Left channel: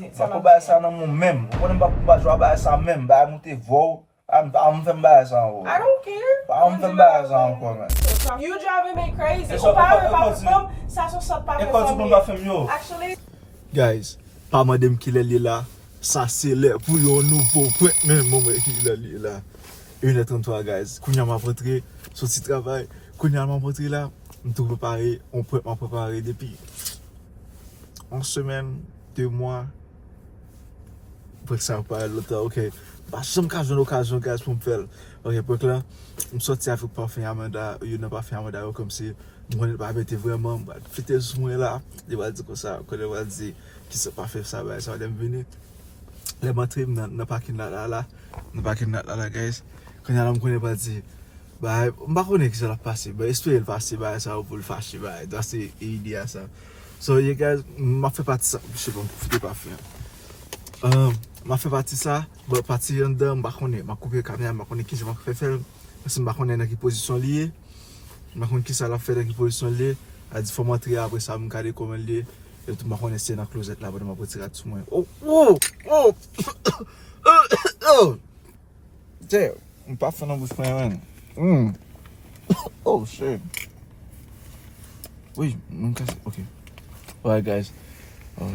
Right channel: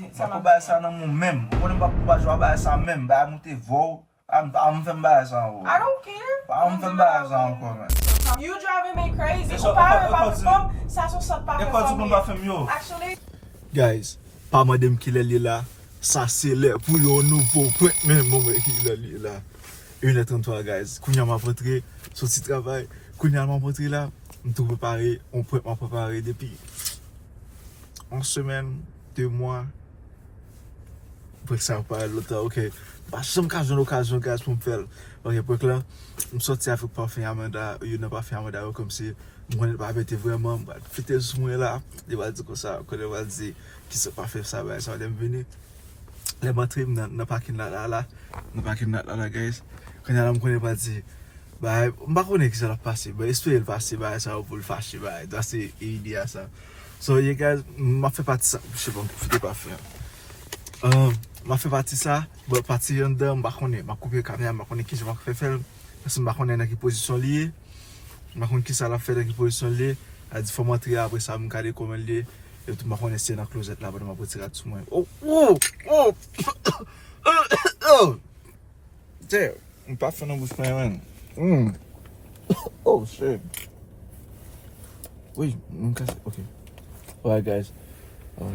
Mwen pou bay sa nan moun mèm. Mwen mwen pou bay bay sa mèm. Bay mwen te vou. Mwen fèm bay sa ou. I don't care. Mwen fèm bay sa ou kon men. You driving me crazy. Ou pa pa fèm, sa son sot pa fèm yo. Actually. Guys, pa madem ki lè li la. Sa se lè pou yon nouvo point men mwen ki lè li la. 1h33 guys. Kounya m'a rentré, sorti travail. Kounya m'a rentré là. Mwen tout préparé. On point m'a préparé depuis une semaine, 2 mois. Pour que ça me parle l'autre. Ok. Bah, j'ai une occasion guys pour me faire. Ok, pour que là, je me sorti avec parfum Amanda. Il n'y a pas fait Amanda comme si je ne pas mettre vraiment. Fêter ce moment là. Il va dire comme ça. Quand il va dire qu'il ne s'est pas fait ça, ça va venir. Les batteries dans le parking là. Dans le parking là, guys. Quand il y a un qui va dire, bah, je ne sais pas qui ça va passer. Bah, espérer le passer, bah, ça va pour le fâcher. Bah, c'est l'idée à ça. So, you guys, m'a fait partie ça. Je sais pas, je pas faire. M'a fait partie ça. Bah, partie en dedans, m'a coupé la caméra, m'a connais qui je vais faire. Parce que m'a connais dans quelle position liée. M'a connais qui ça l'a fait dans quelle position liée. Elle dit, faut montrer après ça, m'a regardé comment lié. Et tout, m'a connais c'est dans la closette là, m'a retirer tout le monde. Oh! Damn, I'm pas fait dans bouche pour man. Oh shit. Oui, ok. Alright guys. Ok,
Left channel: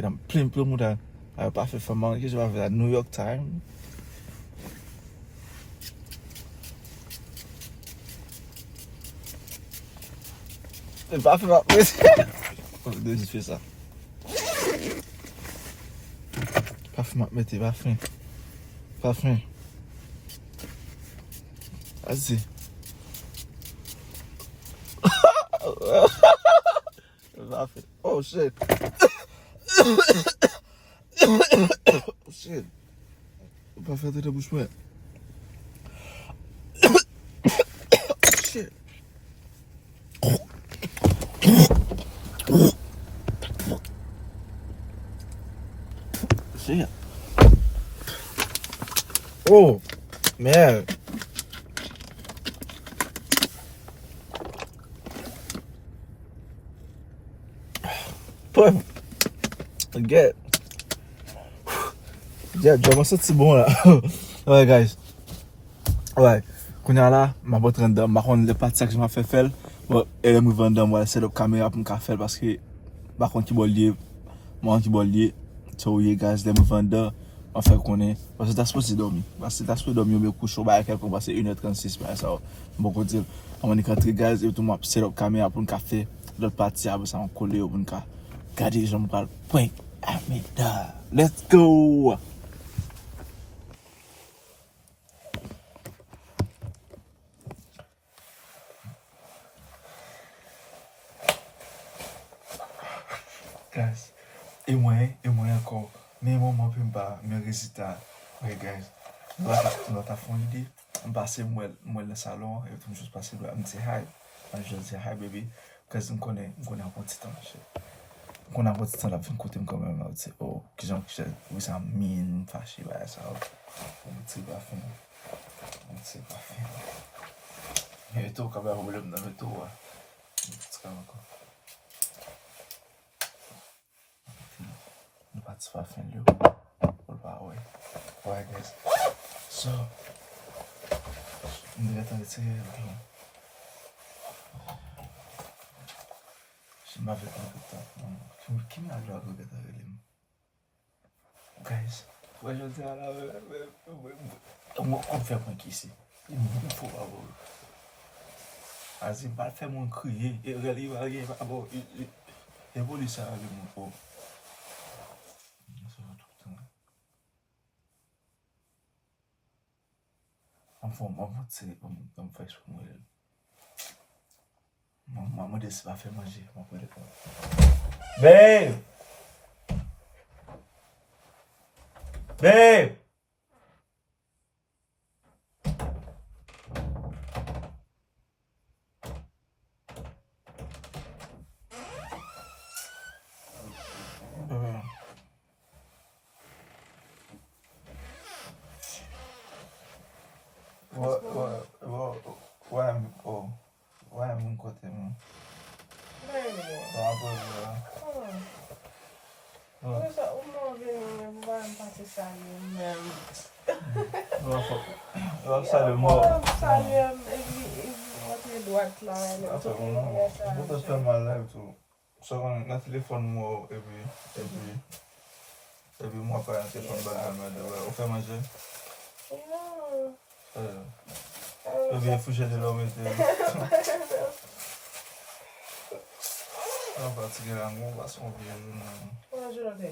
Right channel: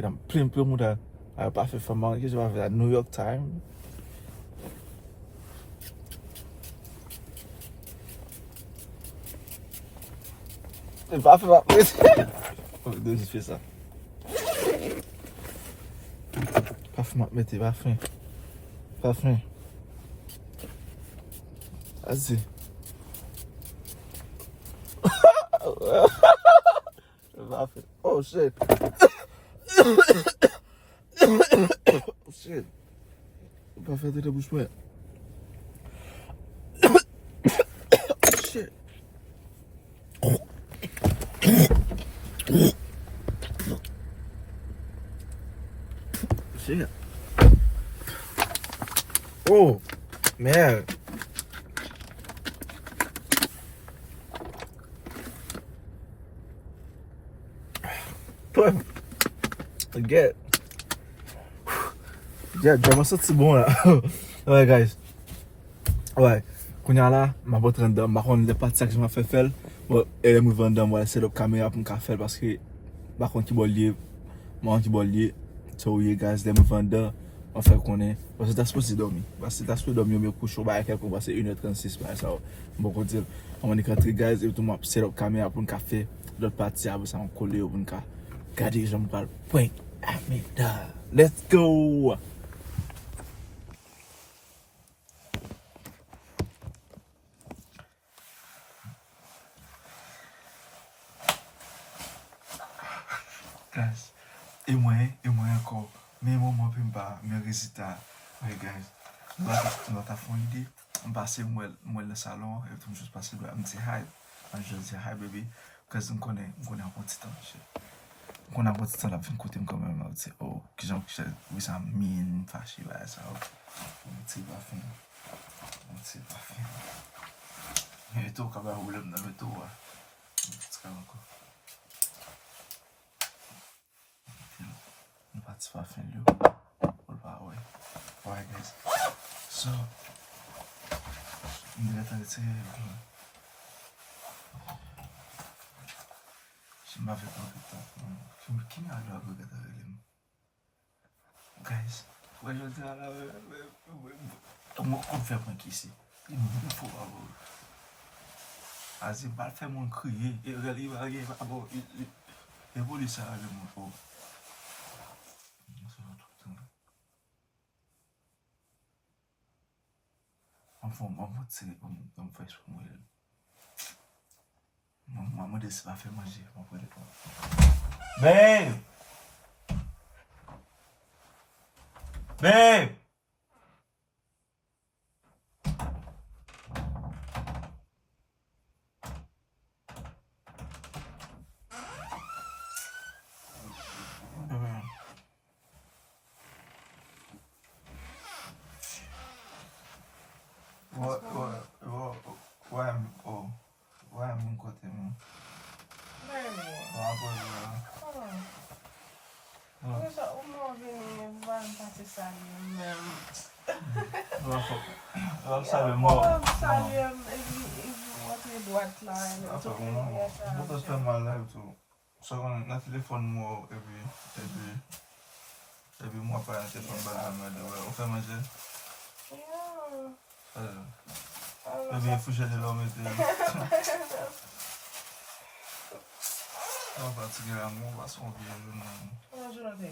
dan plein moun dan. A pa fe faman, ki se pa fe la New York Times. E pa fe faman. Ok, desi fe sa. Pa fe faman, mette, pa fe. Pa fe. Asi. Oh shit. Oh shit. Pas faire de bouche muette. Shit. Shit. Oh, merde. Forget. Yeah, je me sens bon là. Ouais, guys. Ouais. Quand on là, ma boîte random, ma contre les parties que je m'a fait faire. Bon, elle me vend moi set up caméra pour me faire parce que par contre qui bon lié, moi qui bon lié. So yeah, guys, les me vend on fait connaître parce que t'as supposé dormir. Parce que t'as supposé dormir me coucher au bail quelque parce que 1h36 bah ça. Bon qu'on dit on est rentré guys et tout m'a set up caméra pour me faire l'autre partie après ça on coller au bon cas. Regardez, je me parle. Point. Amida. Let's go. Guys, et moi encore. Mais moi, je ne peux pas me résister. Ouais, guys. Nous avons fait une idée. On passe moi le salon et tout, je passe là. Je me dis hi. Je dis hi, baby. Parce que je connais un petit temps. Qu'on a votre temps là fin côté quand même c'est oh qui j'en oui ça mine fâché bah ça on c'est pas fin et tout quand même problème dans le tout c'est comme quoi ne pas se faire fin là voilà ouais guys so on dirait attendre c'est je m'avais pas fait ça qui m'a dit à regarder guys ouais je dis à la on fait point qui ici il faut avoir as il va faire mon crier et il va rien avoir il voulait ça le mon pauvre ça va tout le temps on va tirer on fait sur moi maman va faire manger mon frère babe babe ouais mon côté moi Ou mwen veni, mwen pase salye mwen. Salye mwen. Salye mwen, mwen doat la. Mwen te spend my life to. So na telefon mwen every mwa pa yon telefon ba mwen ou fe manje? Ebi fouche de l'homme ete. An patike la mwen bas mwen biye joun nan. Mwen joun ate?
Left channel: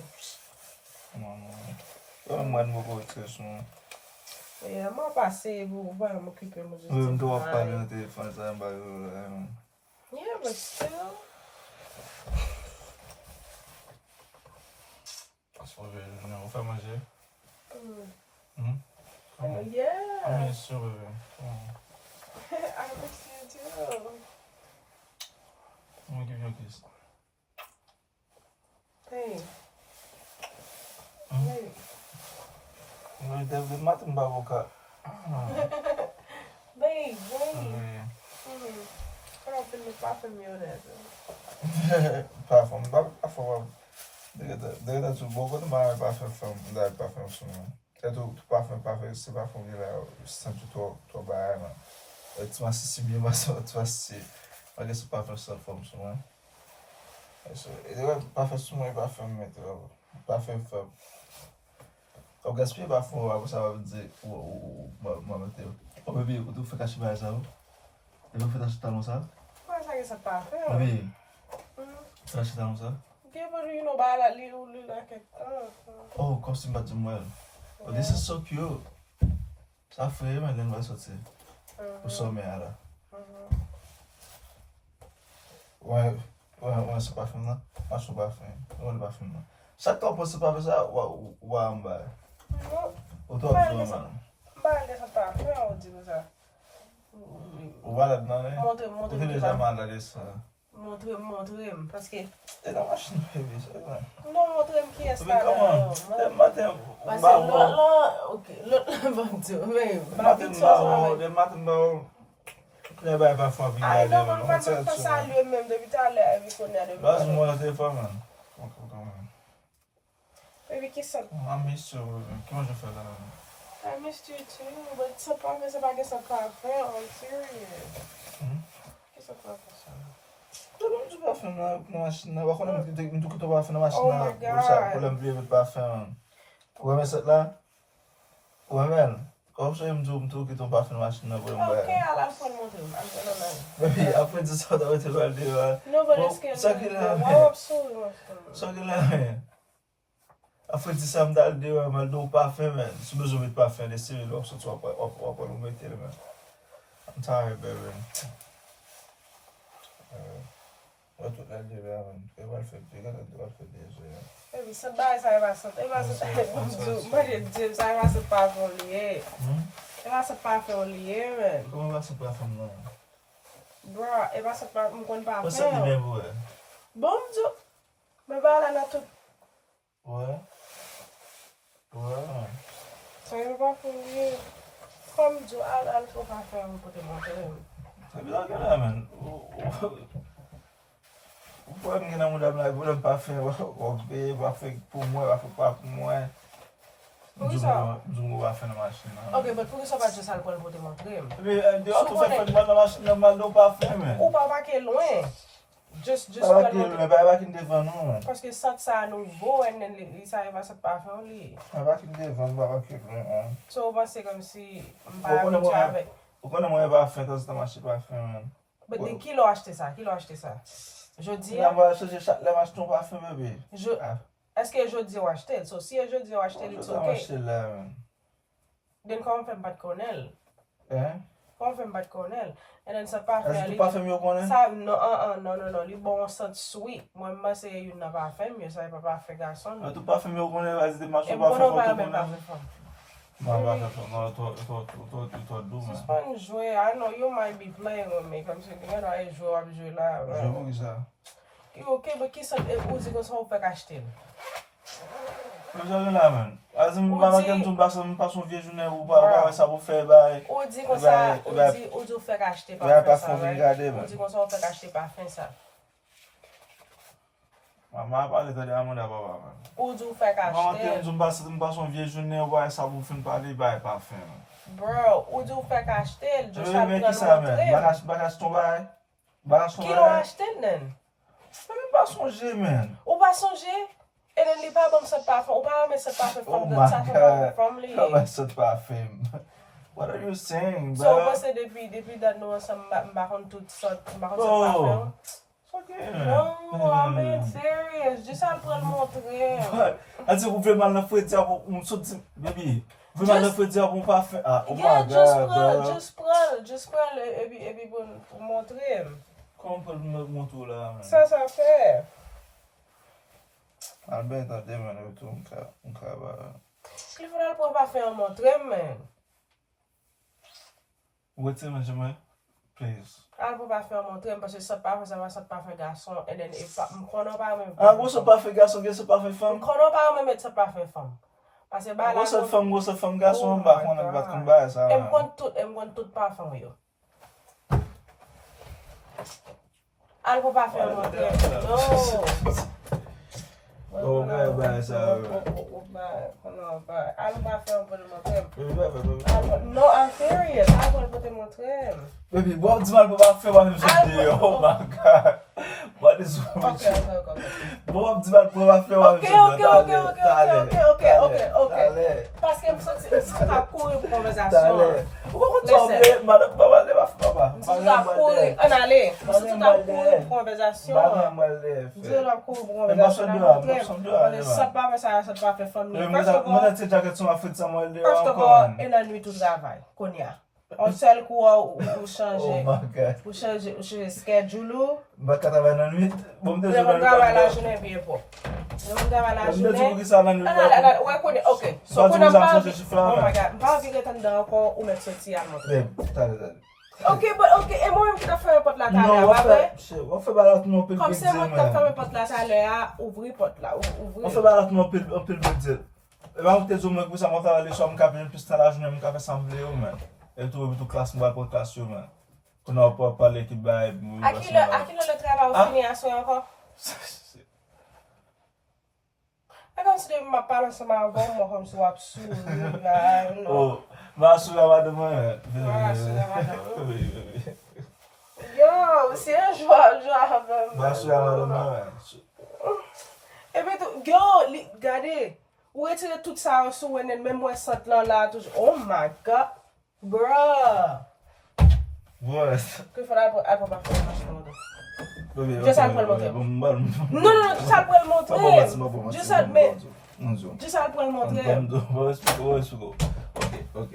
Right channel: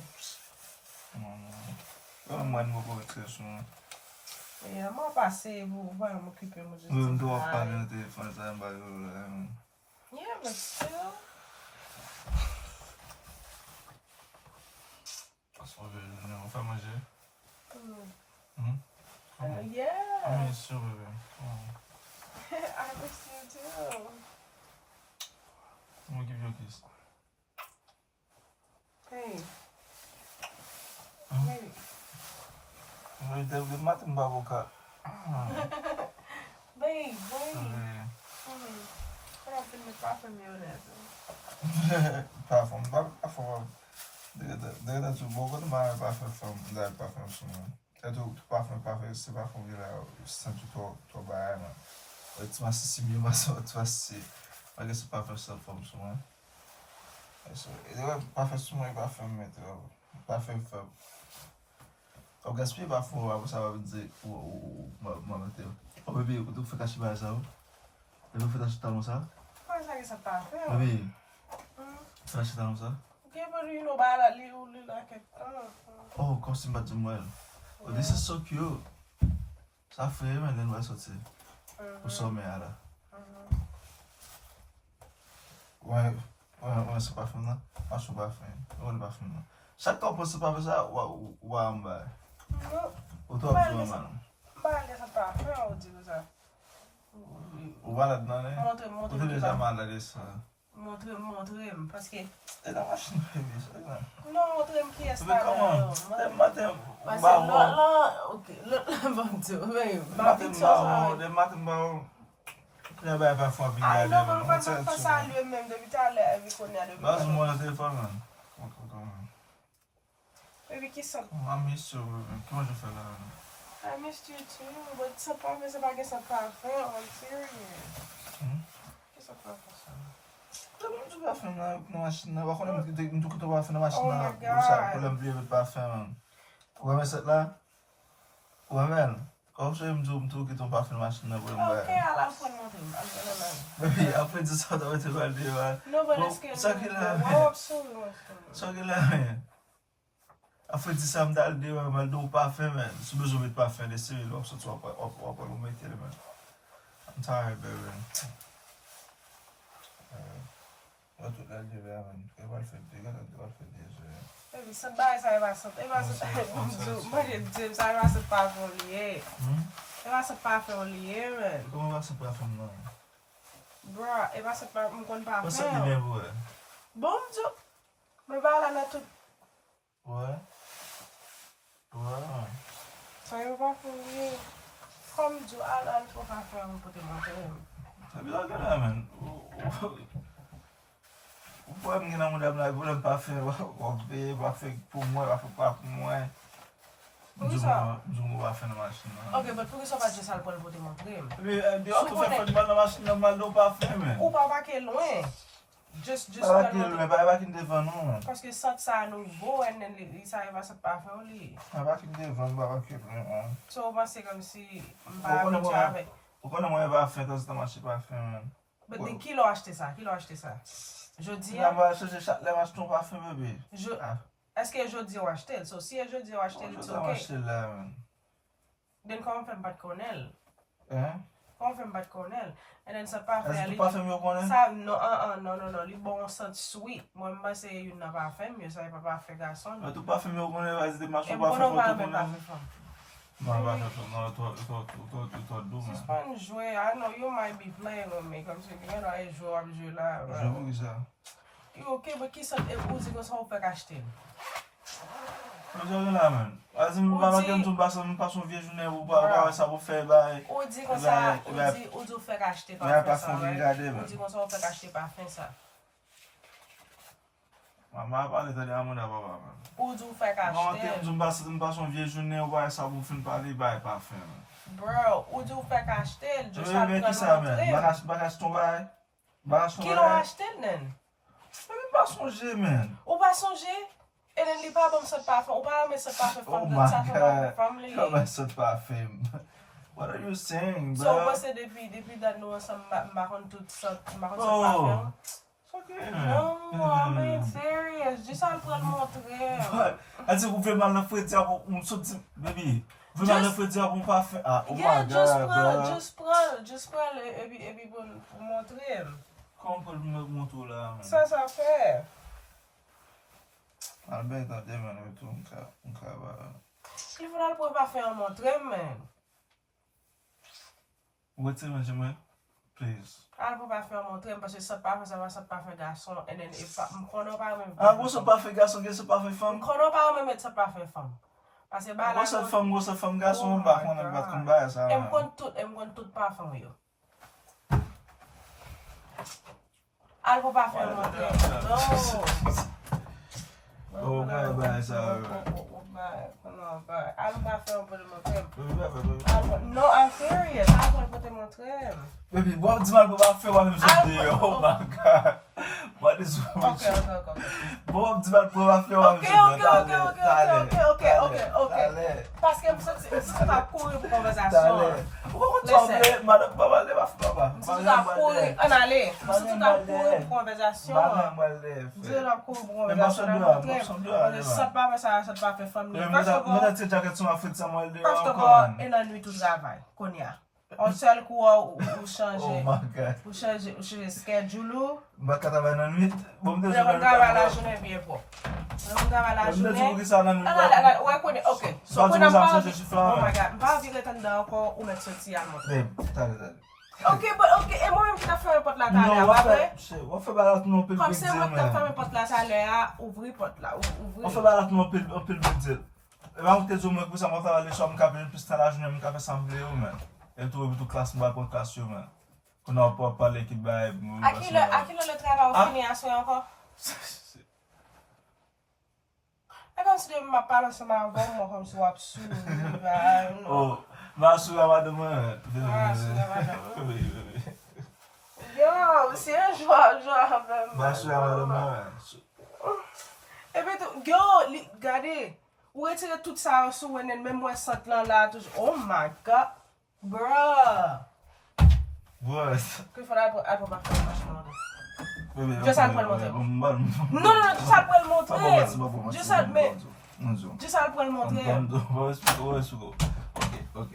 Mwen mwen mwen kou etre sou. Mwen pase mwen kipe mwen joun. Mwen mwen wap pale yon telefon sa yon ba yon. Yeah, but still. Bas mwen biye joun nan. Ou fe manje? Yeah. I miss you, baby. I miss you too. Let me give you a kiss. Hey. Hey. Mwen te vle matin ba boka. Babe, wait. Kaya pinipafem yun natin. Parfum. Parfum. Dege da tou boka de ma parfum. Da parfum sou man. E tou parfum, se parfum vi la, Sant tou ba man. E ti ma si mi ma so, ti ma si. Ma ge se parfum sou sou man. E dewe parfum sou man, parfum met. Parfum feb. Ou gaspye parfum wap sa wap di ou mete ou. Ou bebe, ou tou fe kache ba sa ou? E tou fe kache talon sa? Kwa sa ge se parfum? Bebe, fe kache talon sa? Ge pou you know ba la li ou li la ket. Oh, costume bat mwel. Oh, this is so cute. Sa fe man gen wè soti. Ou so me ala. Wè se parfum nan? A sou parfum. Wè parfum nan. Chak kon se parfum sa, wè an ba. Ou tou ap zon man. Ba ge se parfum ou di ou sa? Ou walad nan e? Montre Ou te deja man la de sa? Montre paske... E la machin heavy, so e lan. Non, montre ki But Escalating. come on, dem matin Parce ba que ou. ok, l'autre bon Dieu, mais Dem matin ba ou. Kwenye ba yon parfum vin ay yade non, man. man pa sa lui même depuis tout à l'heure avec on a de. Bas mwen telefon man. Man. Baby ki sa? I miss you. Ki man je fè la? I missed you too, but sa pa mais sa pa ge sa parfum, I'm serious. Ki sa parfum sa? Mwen tou parfum nan machin nan. Wakon mwen tou kito parfum nan machin Oh nan. my God. Ou sa problem vle vet parfum man. Ou men set la? Ou men? Ou se mwen tou kito parfum nan machin nan pou mwen Ok, bay. I'll phone montre. I'm gonna learn. Baby, apre di sa da wete balde man. No, but it's good. Sa ki la men. Wow, so So ki la men. Apre di sa mdal de man, mal do parfum men. Sou bezou met parfum de siri lop, so tu wap ou mette le men. I'm tired, baby. Ou tout la de la men. E wal fè de je. Baby, sa ba sa va sa. E va sa Moi je sa va sa parfum lié. E va sa parfum lié, man. Koman wak se parfum nan? Bro, e va sa parfum kon parfum. Wak se di men vwe? Bon Dieu. Me va la na tout. Wè? Wè? So yon parfum lié. Comme Dieu, al ko parfum pour te montrer. Se bi la gen la men. Ou pou mwen gen nan mwen dam la, pou mwen parfum wak be, wak fek pou mwen, wak fek pa pou mwen. Mwen wak fek nan machin nan. Ok, but pou sa pa je sal pour te montrer. Di wak tou fek fek nan machin nan mal do parfum men. Ou pa wak e loin. Just Pa wak el men, pa wak in devan nou men. parce que ça ça nouveau et then ça va se parfum li. Pa wak in devan, pa wak el men. So moi c'est comme si Ou konen mwen parfum, tas ta machin parfum men. but then qui l'a acheté ça? Qui l'a acheté ça? Je dis La mwen chache chak le machin ton parfum bebe. est-ce que je dis ou acheter? So si je dis ou acheter it's okay. Acheter la men. Then comment fait pas connaître? Hein? Comment fait pas connaître? And then ça parfum Est-ce que parfum yo konen? ça non, li bon sent sweet. Moi moi c'est une parfum, mais ça pas parfum garçon. A tou parfum yo konen, vas de machin Et parfum bon yo pas konen. Non, pas non, toi dou man. C'est pas une jouet. I know you might be playing with me. Comme si you know, I joue là. Je vous dis ça. Ok, mais qui ça ou dit que ça on peut acheter? Je vous la men. Azim mama ken tou pas son vieux journée ou pas ça pour faire bail. Ou dit que ça ou dit faire acheter pas par fond regarder ou dit que ça on peut acheter par fin ça. Maman a parlé de l'amour d'abord. Ou du fait qu'acheter. Maman, je passe une vieille journée, ouais, ça vous fait parler, bah, pas faire. Bro, ou du fait qu'acheter, je sais Mais pas qui ça, man? montrer. Bagage ton bail? Bagage ton Qui bail? l'ont acheté, nan? Mais pas songer, man. Ou pas songer? Et then, il pas bon ce parfum. Ou pas mais ce parfum Oh from the my top God. from the Comment ça te pas fait? What are you saying, So, bro? parce que depuis that nous ensemble, m'baron tout ça, m'baron ce Oh. parfum. Okay, Non, I'm man. being serious. Juste à le prendre montrer. Elle dit, vous faites mal dans le dire pour me sortir, baby. Vous faites mal dans le dire pour pas faire. Ah, oh Yeah, my God, bro. just prends et puis pour montrer. Comment on peut me montrer là, man? Ça fait. Albert, attendez, man, avec tout, on travaille. Il faudra pour pas faire montrer, man. What's it, man, j'aimerais? Please. Elle peut pas faire montrer parce que ça pas faire garçon et then et pas m'connons pas même. Ah, vous ça pas fait garçon, vous ça pas fait femme? M'connons pas même mettre ça pas fait femme. Parce que bah là. Vous ça femme garçon, on va comme ça, ça. Elle me compte tout pas femme yo. Elle peut pas faire montrer. Non. Oh, bye, ça. Non, bah, elle va faire pour le montrer. Baby, No, I'm serious. Elle va te montrer. baby, what dis-moi pour pas faire même chose. Oh my God. What is wrong with you? Okay. Bon, dis-moi pour pas faire même chose. Ok. Parce que je vais courir pour conversation. Pourquoi tu as madame, papa, ne va pas. Je vais courir. On allait. Je vais courir pour conversation. Je vais courir pour conversation. Ça pas faire famille. First of all, et la nuit tout travail. Qu'on y a. On seul coup ou changer. Ou changer schedule. Ba ka travail dans nuit. Bon, Je vais travailler la journée bien pour. Je vais travailler la journée. Ouais, qu'on est. OK. So qu'on a pas. Oh my God. Pas envie d'attendre encore ou mettre sortir à montrer. OK, et moi même qui t'a fait un porte là tout à l'heure, après. On fait balat non pile. Comme c'est moi qui t'a fait un porte là tout à l'heure, ouvrir porte là, ouvrir. On fait balat non pile dire. Et va que zoom que ça m'a faire les chambres capable plus dans la journée, me capable sembler ou même. Et tout classe moi pour classe même. Qu'on a pas parler qui bail. À qui le travail au fini à soir encore? Et comme si je m'a parlé ensemble avant moi comme ça absurde. Oh, ma soeur va demain. Yo, c'est un joie vraiment. Ma soeur va demain. Et puis, yo, regardez, où est tout ça sous et même moi Sant là toujours. Oh my God, bruh. Ouais. Qu'il faudra pas faire franchement. Juste ça pour le montrer. Non, juste ça pour le montrer. Juste ça, mais. Juste ça pour le montrer. Ok.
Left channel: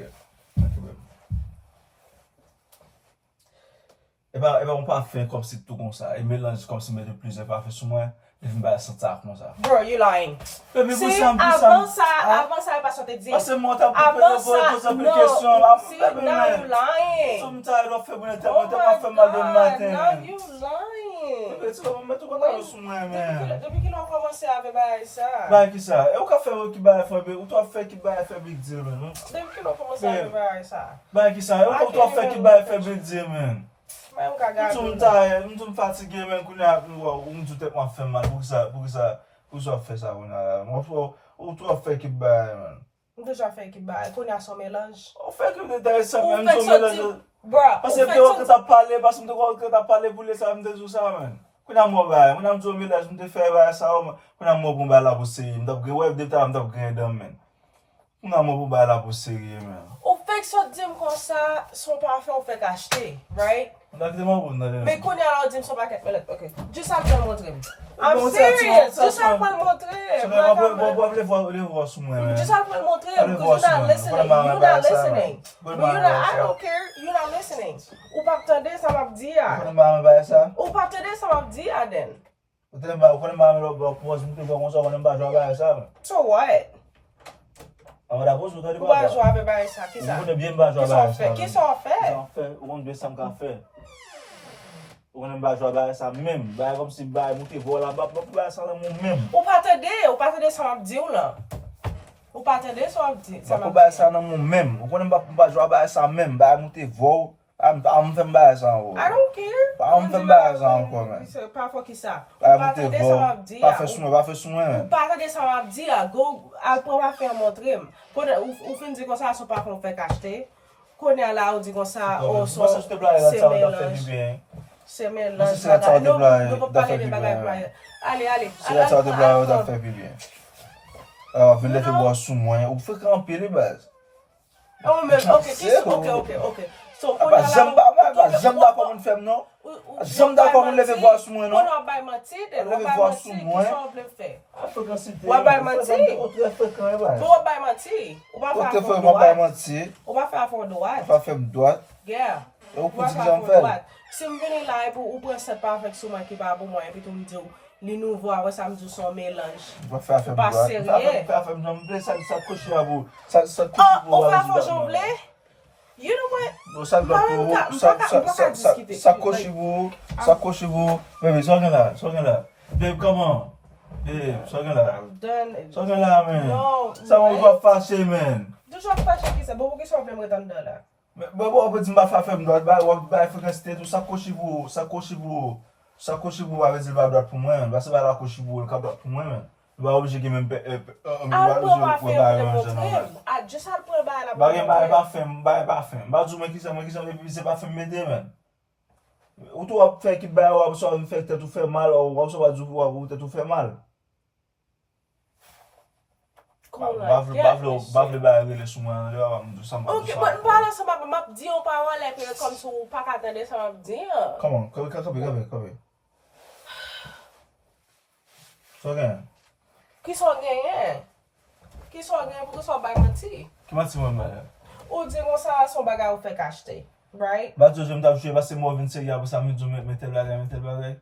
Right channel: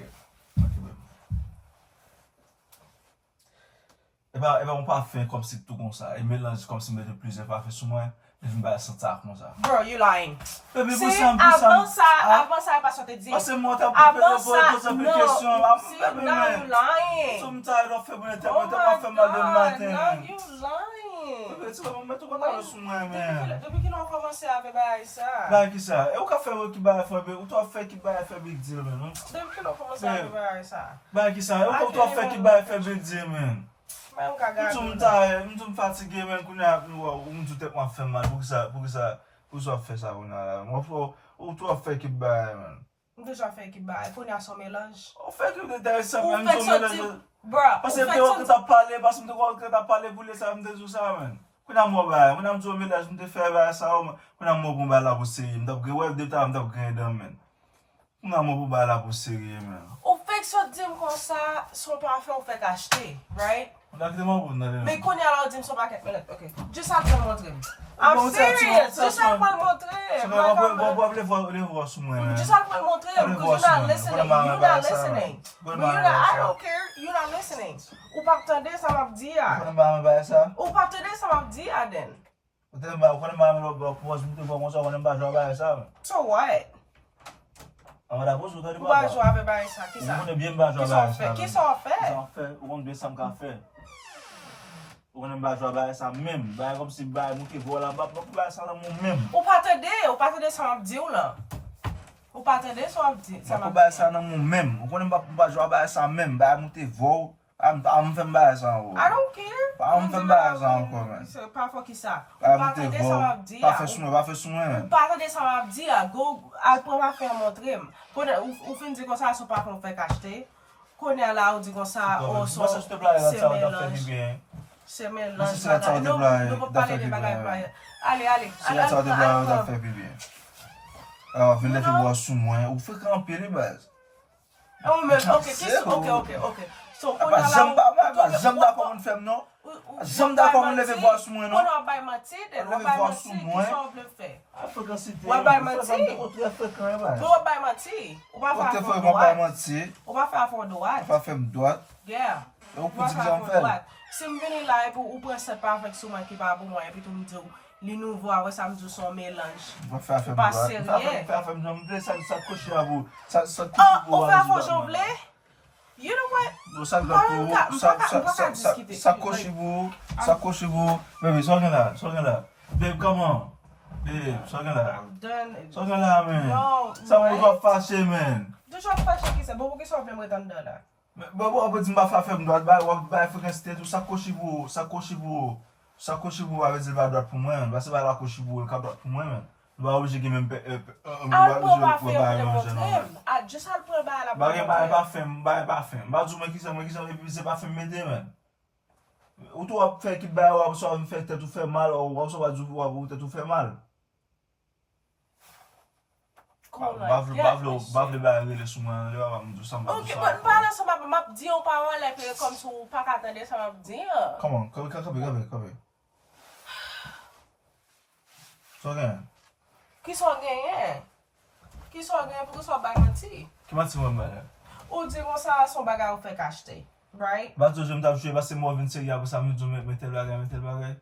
Et ben on pas faire comme si tout comme ça. Et mélange comme si mettre plusieurs parfums sur moi. Je vais me sentir comme ça. Bro, you lying. Mais See, avant ça, pas sortir dire. Parce que moi, t'as Avant ça, posé une no. question là. See, now you lying. Sometimes, on fait mon Oh internet, on my fait mal de God, matin. now you lying. Tu vas me mettre content sur moi, man. Depuis qu'ils ont commencé avec ça. Bah, qui ça? Et où qu'a fait qui va faire ou toi fait qui va faire big deal, man? Depuis qu'ils ont commencé avec ça. Bah, qui ça? Et où toi fait qui va faire big deal, man? Je suis fatigué, man. Je suis moi faire mal. Pour ça faire ça, moi, ou toi fait qui va, man. Déjà fait qui baille, qu'on a son mélange. On fait que des intéressants, Ou même fait son ça, mélange. bro. Parce que tu as parlé, parce que tu as parlé pour les samedi tout ça, man. Quand on a moi bail, on a un mélange, on te fait bail ça, on a moi pour bail là pour série, on a web de temps, on a gagné man. On a moi pour bail là pour série, man. Ou fait que ça dit comme ça, son parfum on fait acheter, right? On a tellement bon dans Mais qu'on a alors dit son paquet, OK. Juste ça pour le montrer. I'm serious. Juste ça pour le montrer. Bon, les voir sur moi, man. Just ça pour le montrer because you're not listening. You're not listening. But you're not, I don't care. You're not listening. Ou pas attendre ça m'a dit à. Ou pas attendre ça m'a dit à then. So what? On va poser Ou pas jouer avec ça, qui ça? On est bien pas jouer avec ça. Qui sont fait? On doit ça faire. On ne pas jouer avec ça même, bah comme si bah monter voilà pas ça même. Ou pas attendre ça m'a dit là. Ou pas attendre ça m'a dit. Ça pas ça dans mon même. On ne pas jouer avec ça même, bah monter vol Am fè mbaya sa ou. I don't care. Am fè mbaya sa ou kon men. Pas fò ki sa. Pa fè souen. Ou pa de sa map di la. Go, al pou ma fè montre. Ou fin di kon sa sou pa kon fè kachete. Konè la ou di kon sa ou son se mélange. Non pou pale de bagay ploye. Allez. Se la sa de bla ou da fè pi bien. Alors, vin lete bois sou mwen. Ou fè kampi li baz. Ok. So, Jam da kon moun fèm non? Jam da kon moun leve bois sou mwen non? Kon wabay mati, wabay mati. Ou pa fè a fon doat. Pa fèm doat. Yeah. Ou pou di jan fèl. Si m veni la ou pou set perfect sou man ki pa pou mwen, epi tou m di li nouvo a wè sa m di son mélange. Ou pa fèm doat. Ou pa fèm jamblé, sa koshi a vou. Ou pa fèm jamblé? You know what? Sa koshi vou. Baby, so gen la. Babe, come on. Babe, so gen la. I'm done. So gen la, man. No. Sa mwen pa fache, man. Do chwa fache ki se, bo pou ki so blem retan do la. Bo apè di mba fèm doat, ba fèkè state ou sa koshi vou. Sa koshi vou avè di ba doat pou mwen. Ba se ba la koshi vou, el ka doat pou mwen, man. Ba obje ki men Al pou ba fèm montrem. Just al pou ba la pou montrem. Ba fèm. Ba djou men ki se ba fèm mède, man. Ou tou wap fè ki ba wap so wap fè tèt ou fè mal, ou wap so wap djou wap tèt ou fè mal. Bavle ba rele sou mwen, le wap mdou samba. Ok, but mpala sa map di yon pa wan lè, pè kom sou pa katande sa map di yon. Come on, kabe. So gen? Ki son genyen pou ki son bay mati. Ki mati mwen mwen? Ou di kon sa son bagay ou fèk achete, right? Ba jo jem tap jwe, ba se mou vin serye apos sa mi djou metel bagay.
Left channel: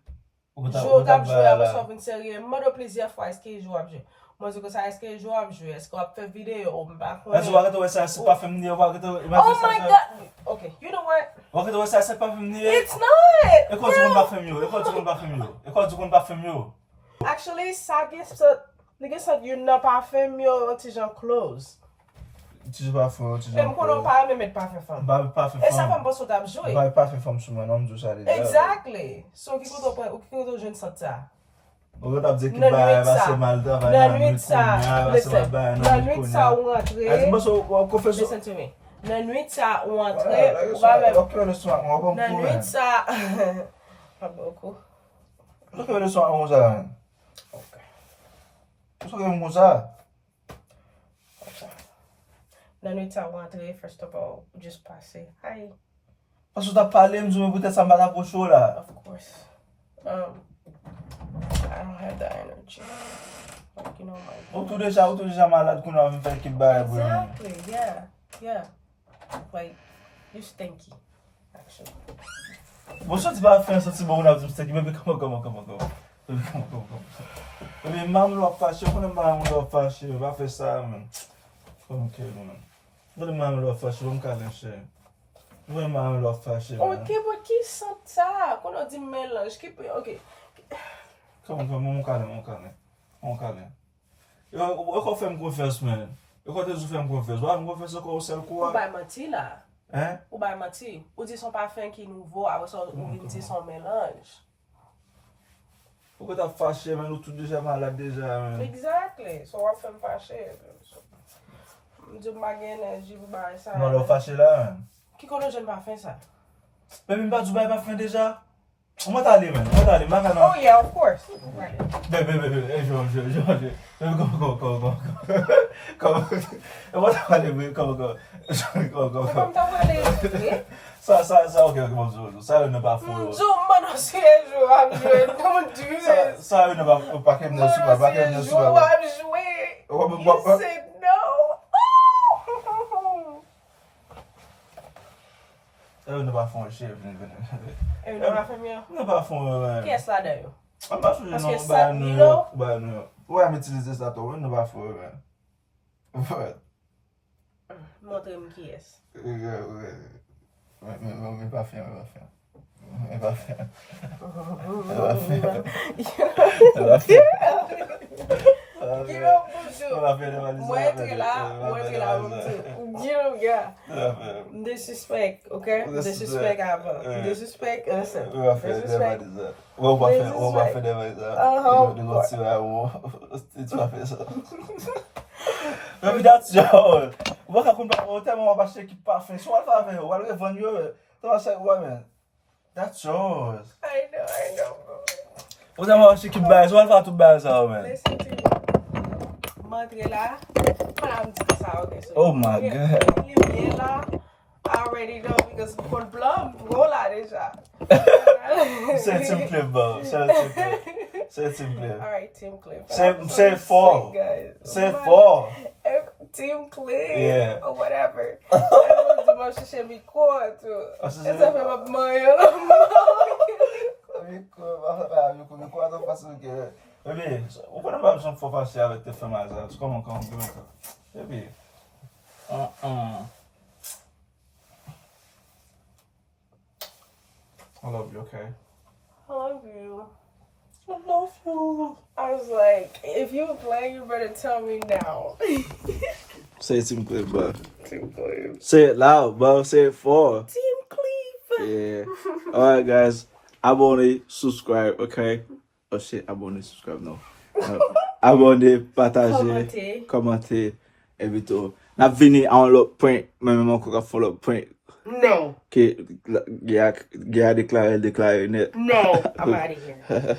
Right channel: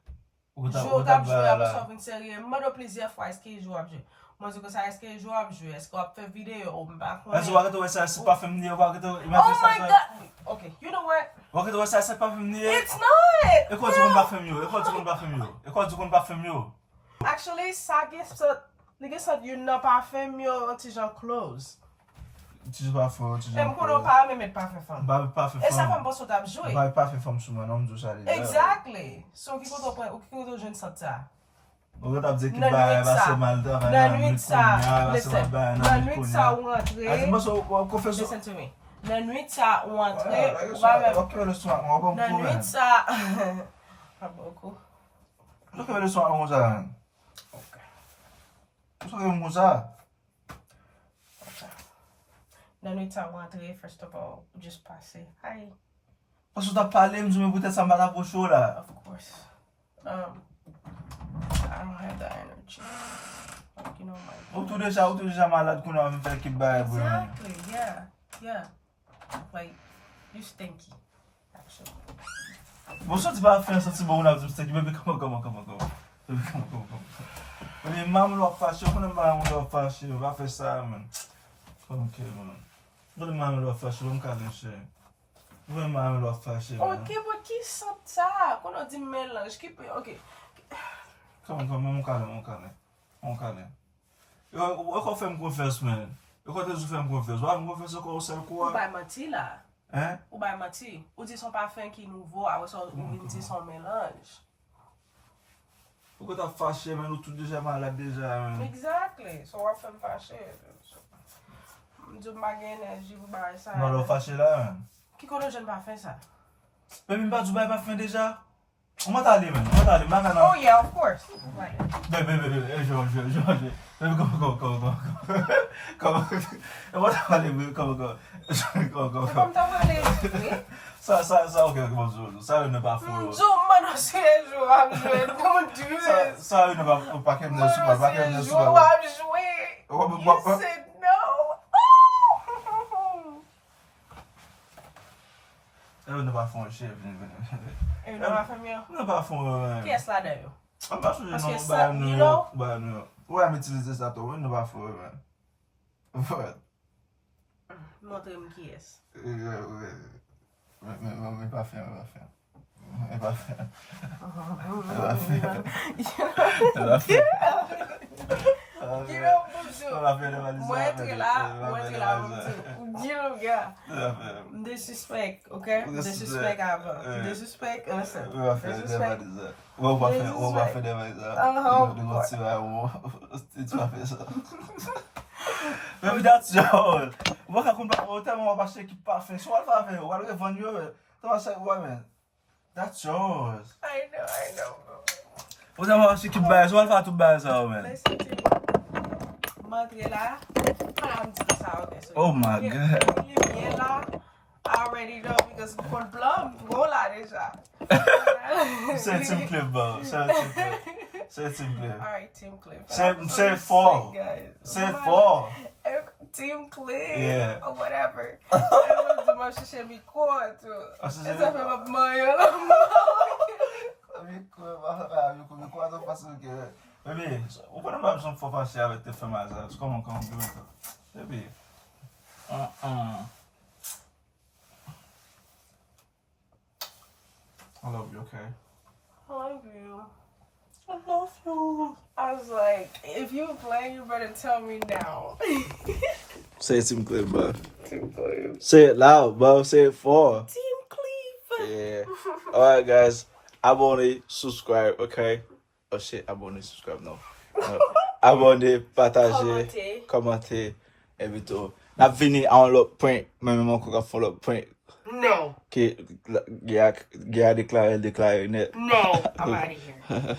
Jou tap jwe apos sa vin serye, mwen do plezir fwa eske jou ap jwe. Mwen zi kon sa eske jou ap jwe, eske wap fè video ou mba kone. Ezo wakete wè sa se pa fèm niye, Oh my god! Ok, you know what? Wakete wè sa se pa fèm niye? It's not! E kwa di kon ba fèm yo? Actually, sa gesot yon nan pa fèm yo ti jan close. Ti jan pa fèm, ti jan close. E mkonon pa ame met pa fèm. Ba pa fèm. E sa fèm bos wot ap jwe. Ba pa fèm souman, nan mdou sa li. Exactly. So ki koto jen sot sa. Ou get ap de ki ba se mal da, nan nwit sa, nan nwit sa ou antre. Listen to me. Nan nwit sa ou antre, ou ba men. Nan nwit sa. Pa boko. Lò ke wè le son an ouza. Ok. So ke ouza. Nan nwit sa ou antre, first of all, just pase. Hi. Pasou ta pale mzou me boute sa mbata po show la. Of course. I don't have the energy. Like, you know, Ou tou deja malade koun an fè ki baye bou. Exactly, yeah. Like, you stinky, actually. Bon, so ti ba fè an soti bo ou nan stinky, bebe, come on. Bebe, mam lò fache, konen mam lò fache, ba fè sa, man. Kom ke, man. Bebe, mam lò fache, bon ka leche. Bebe, mam lò fache, man. Ok, but ki sot sa? Kono di melange, ok. Come, mon kane. Yo kon fè m konfes, men. Yo kon te zou fè m konfes. Wa m konfes yo kon sel kwa? Ou bay mati la. Hein? Ou bay mati. Ou di son parfum ki nouvo, awe son ou vin di son melange. Ou kon ta fache, men. Ou tout deja malade deja, men. Exactly. So wap fè m fache. Mdou bagen enerji pou bay sa. Non, lò fache la, men. Ki kono jen parfum sa? Bebe, mi ba djou bay parfum deja? Ou mata ali, men. Oh yeah, of course. Right. Bebe, João. Bebe, come. Eu vou estar ali, come. Kom ta wale jwe? Sa, ok, come, sa eu ne ba furo. Jou, mano, se jou am jwe. Don't do this. Sa eu ne ba paket ne suba, Jou am jwe. You said no. Eu ne ba fon chef, E ou nan fèm yo? Ne ba fon, Ki es la de yo? An ba sou Paske non, sa milo? ba nou. Ou am itilize sa to, ne ba fon, What? Montre m ki es. Me pa fè. Disrespect, ok? Disrespect avant. Disrespect, listen. Disrespect. Maybe that's yours. What can come back? Tell me about shaky parfait. So what have you? What are you going to do? Don't say woman. That's yours. I know. What about shaky bags? What about to bags, man? Listen to me. Madre la. Oh my God. I already know because con plum roll out this shot. Say Tim Cleef, bro. Say Tim Cleef. All right, Tim Cleef. Say 4. Say 4. Tim Cleef. Yeah. Or whatever. The most should be cool too. It's a my mind. Baby, what about some for passer avec tes femmes à ça? Comment, give me ça. Baby. I love you, okay? I love you. I love you. I was like, if you play, you better tell me now. Say it, Tim Cleef, bro. Tim Cleef. Say it loud, bro. Say it 4. Tim Cleef. Yeah. Alright, guys. Abonnez, subscribe, okay? Oh shit, abonnez, subscribe, no. Abonnez, partagez, commentez, et vite. N'a venu en l'autre point, même encore follow point. No. Qui a déclaré net. No. I'm out of here.